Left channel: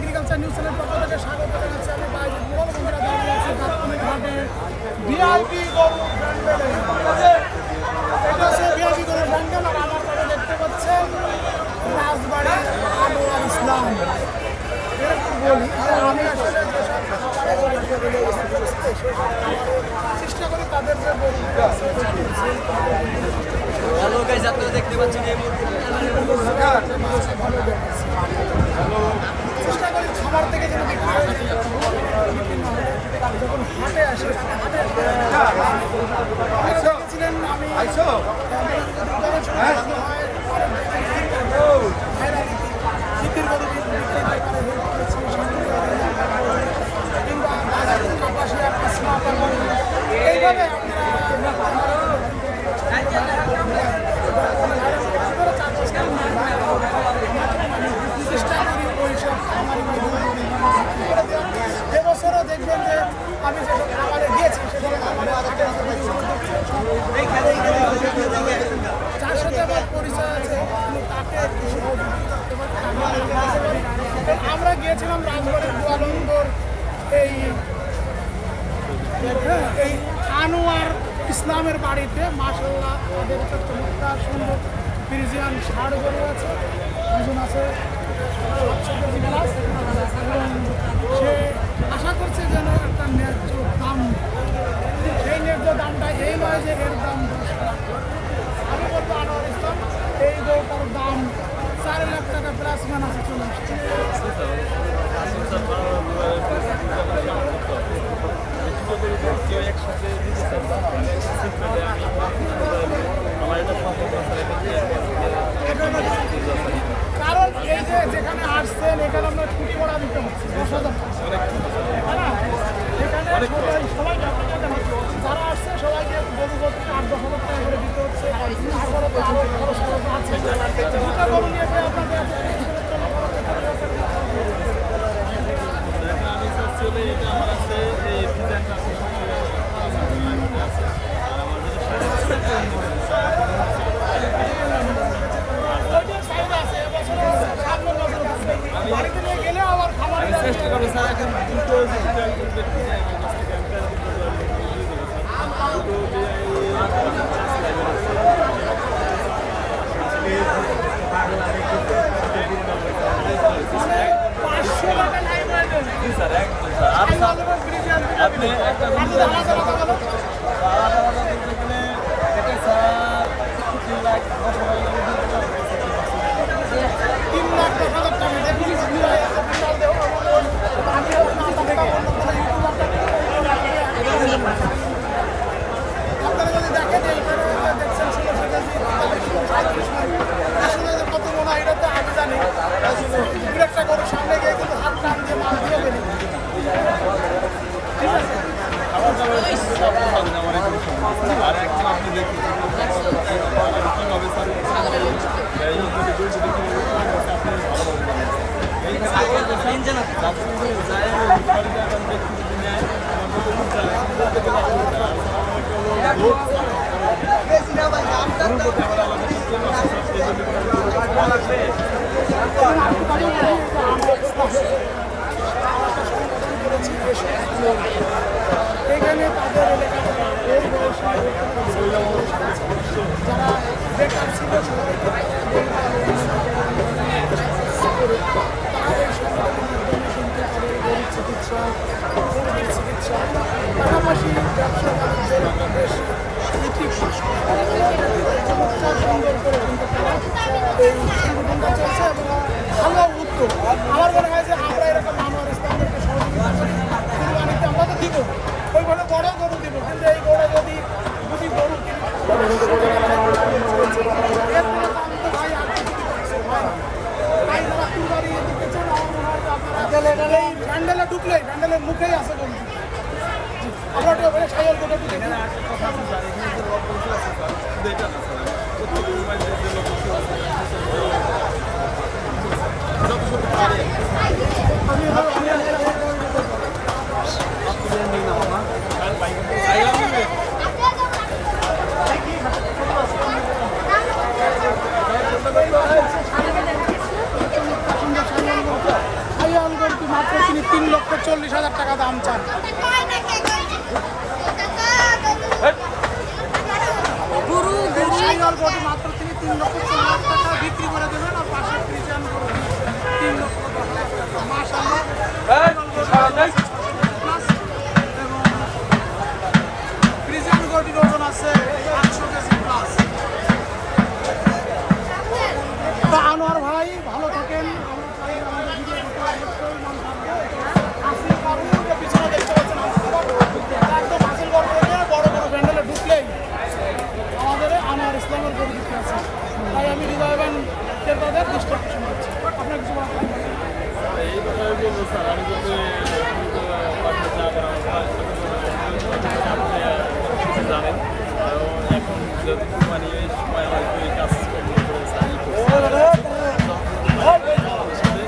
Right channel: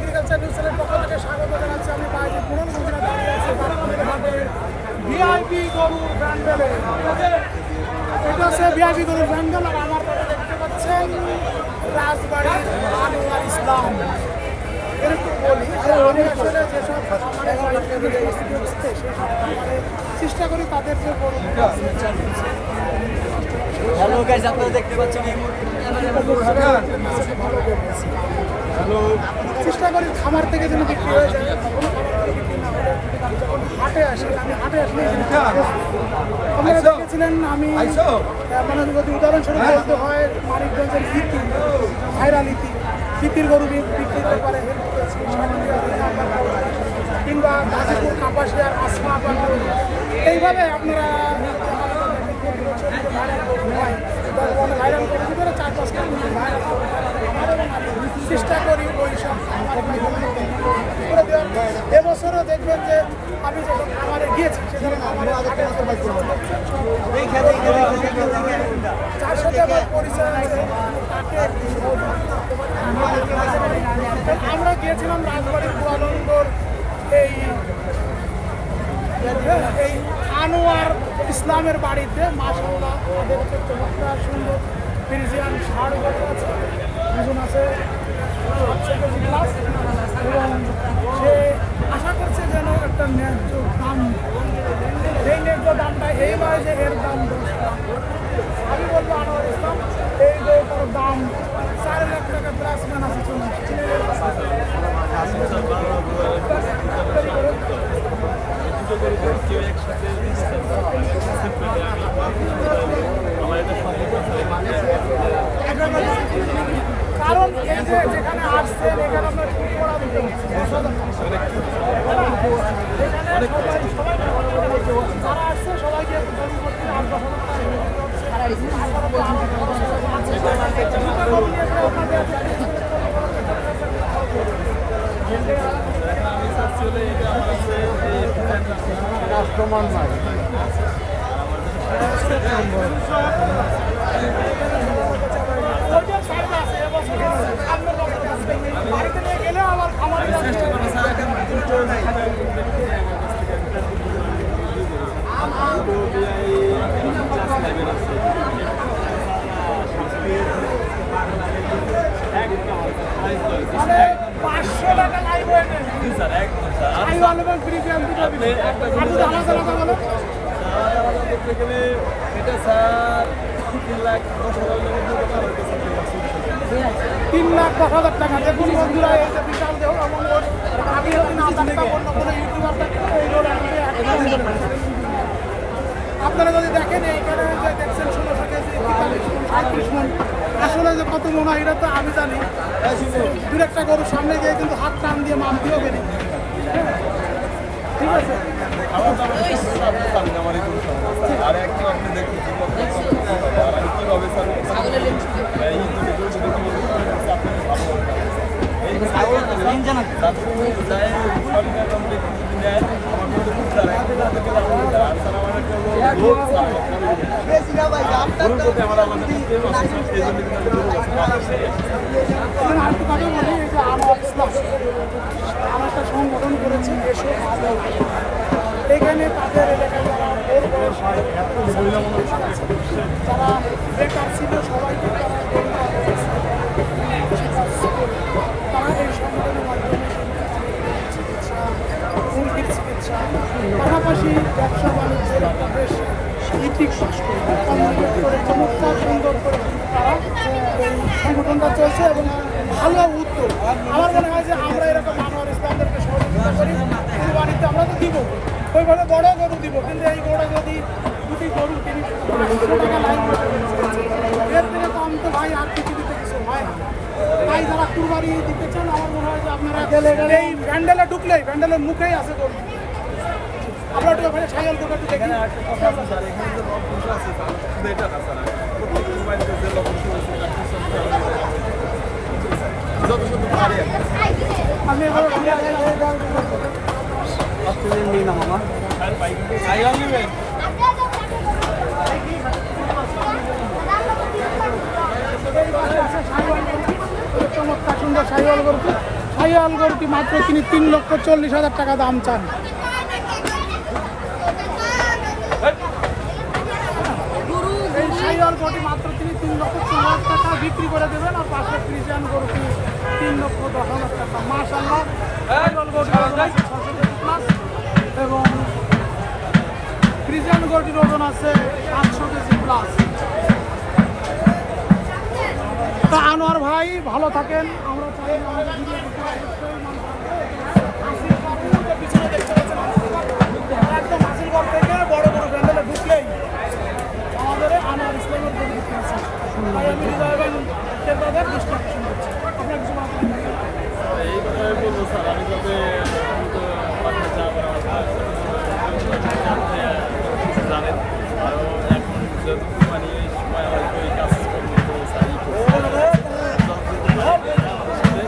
Agriculture news channel পক্ষ থেকে স্বাগত জানাচ্ছি। আমি বাইরে পুরনো মন্দিরে দাঁড়িয়ে আছি গাছপালের ঘাটে ভিআইপি গরুর ব্যান্ডেলে। এটা হচ্ছে ভিআইপি গরুর ব্যান্ডেল। আর আমার পরে দেখতে পাচ্ছেন রাজবাড়ি আনোয়ার ইসলাম। এরকম বলি আমি আসলে যেসব চেষ্টা করি তাদের যে গরু আছে চেষ্টা করি খামার থেকে যেন বিক্রি হয়ে যায়। যখন হাটে আসি আপনারা দেখেছিলেন আমি যদি উদাহরণস্বরূপ বলতে হয় মানিকগঞ্জের লিতি ভাইরাল লিতির গরু বিক্রির ব্যাপারে হেল্প করেছি, কিংবা গাজীপুর কাপাসিয়ার আসমা এইভাবে আপনারা চেষ্টা করি ওইসব এবছরও দেখবেন যে আমি যখন খাবারে গিয়েছি সেখানে যার সাথে আমার পরিচয় আছে তাকে একটু সহযোগিতা করতে পারি। কারণ আমরা গিয়েছিলাম রাজবাড়ির গোয়ালন্দর এই আনোয়ার ইসলামের বাড়িতে। মাশাআল্লাহ তাদের একটা চমৎকার সুন্দর ফ্রিজিয়ান ষাঁড় গরু আছে, ওজন আছে 700 কেজি প্লাস, এবং সে আশা করছে যেন একটা ন্যায্য দাম। সেই ন্যায্য দামটা এই নয় যে এর দাম 10 লাখ। আমি বলবো আনোয়ার ইসলাম এই গরুটার দাম 4 লাখ টাকা প্লাস মান আছে, চলে আসছে। কেউ একসাথে দিতে চাই মানে একটা সিক্রেটে আমি আমার এটা সম্ভব কারণ এই যে যেখানে আসছেন এখানে আপনার ছুটি করা দিতে হচ্ছে 10,000 সেখানে সবাই যারা আসছে সবাইকে গরু করতে 8-10,000 টাকা করে দিতে হচ্ছে। তারপরে তো আরো খরচ আছে, দুটো গরু নিয়ে গেলে আপনাদের আমি চাচ্ছি হলে এটা আমার আছে এই ডিজাইনটা আছে আর আমার যেটা শাড়ি বাড়িতে নিয়ে গেলে আবার খামারে চেষ্টা করবো স্যার এখন দুটো আপনি একটা গেলে এটা স্যার 3 লাখ 3,10,000 টাকা। দেখুন বন্ধুরা বিশাল দেহ আপনারা যদি দেখেন এইখানে দেখছেন 16 কেজি 35 মন। আসলে যে কত মনে হয় এটা তো আমি জানি। দু একটা গরুর সামনে গিয়ে কিন্তু হাত টান দিয়ে মানতে হবে না, ঠিক আছে? খাবার দাবার আমার আর একটু আপনি দেখুন আর আমি কীভাবে স্যার আপনি ভালোভাবে এইখানে যদি নেয় আমার মতো বুঝতে বলতে গেলে আর স্যার আমার একটা লোক এখানে তাদের যারা বেকার ছিল সবাইকে চিকিৎসা, উন্নতির চিকিৎসা, পাশাপাশি ব্যবসা বাণিজ্যের বেশ ইতিক চমৎকার সুন্দর করে কিন্তু তারা এই সংগঠনটা চলছে এবং ভালো উদ্যোগ। আমার মনে হয় যে আমরা এরকম আনোয়ার ইসলামদেরকে সহযোগিতা করি, বাণিজ্য আমরা তো দিব, ওইভাবে বড় গরু দিব, কিন্তু এই গরুটা যদি দুটি গরু এই প্যান্ডেলে ঢুকলেই প্যান্ডেলের মুখেই আছে গরু। আমরা একটু ওখানে সাইকেল করে একটু দেখি। একটা কথা আছে স্যার, এখানে যে লবণ আছে স্যার শুধু এটা না স্যার, প্রত্যেকের মোবাইল যে লবণ যত যত পারে আমি এবার ঘুরে আসলাম। চমৎকার সুন্দর সাইকেল গরু, সাইকেল গরু মাত্র তিনি 3,40,000 টাকা দাম চান। এই শাহিওয়াল গরুটি মাত্র তিনি 3,14,000 টাকা বিক্রি করে দেবেন, আর পাশে ফ্রিজিয়ান গরুটি 3,10,000 টাকা। মাশাআল্লাহ, শাহিওয়াল গরুটির ওজন আছে 600 কেজি প্লাস এবং ফ্রিজিয়ান গরুটির ওজন আছে 800 কেজি প্লাস। আনোয়ার ভাই ভালো থাকেন, আমরা চাই আমাদের ভিডিও দেখতে অবশ্যই মন থাকবে। হাসিল গরু যে পিছনে দেখতে পাচ্ছেন একদম হাসিল গড় থেকে বড় বড় প্যান্ডেলে ঢুকলেই আমাদের আনোয়ার ইসলামের গরু বিক্রি আছে। তাই আমি হৃদয়বান ক্রেতাদের দৃষ্টি আকর্ষণ করছি। আপনার কিছু বলার থাকলে বলুন। এই কথাই বলবো স্যার, আমি যাতে বাসায় যাবেন আমার আপনি কিছু জানেন, আরও এখন যদি মানে এই সময় হয়তো এই কাজ কর্ম করে স্যার ই করছে আমাদের সাথে।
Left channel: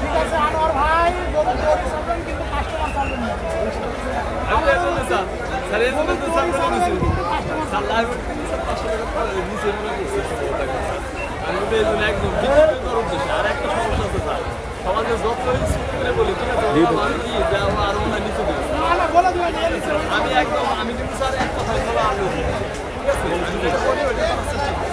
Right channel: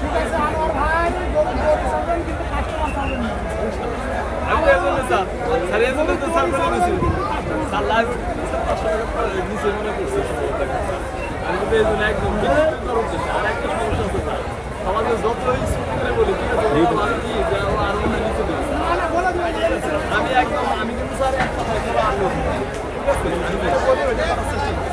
ঠিক আছে আনোয়ার ভাই, গরু গরু চালবেন কিন্তু কাস্টমার চালবেন না। আমি তো এজন্য স্যার স্যার এজন্য তো স্যার বলে দিচ্ছি স্যার লাইভ কিন্তু স্যার 500 টাকা নিচে মনে করছে সম্ভবত স্যার। আমি কিন্তু এই জন্য একদম বিক্রি করার উদ্দেশ্যে। আর একটা সমস্যা আছে স্যার, সমাজে যত ছোট করে বলি ঠিক আছে আমি কি যাও আর মনে নিচে দেবো আমি একদম আমি কিন্তু স্যার একটা ফয়সালা আনবো ঠিক আছে, আমি যেটা বলি ওইটা করার চেষ্টা করি।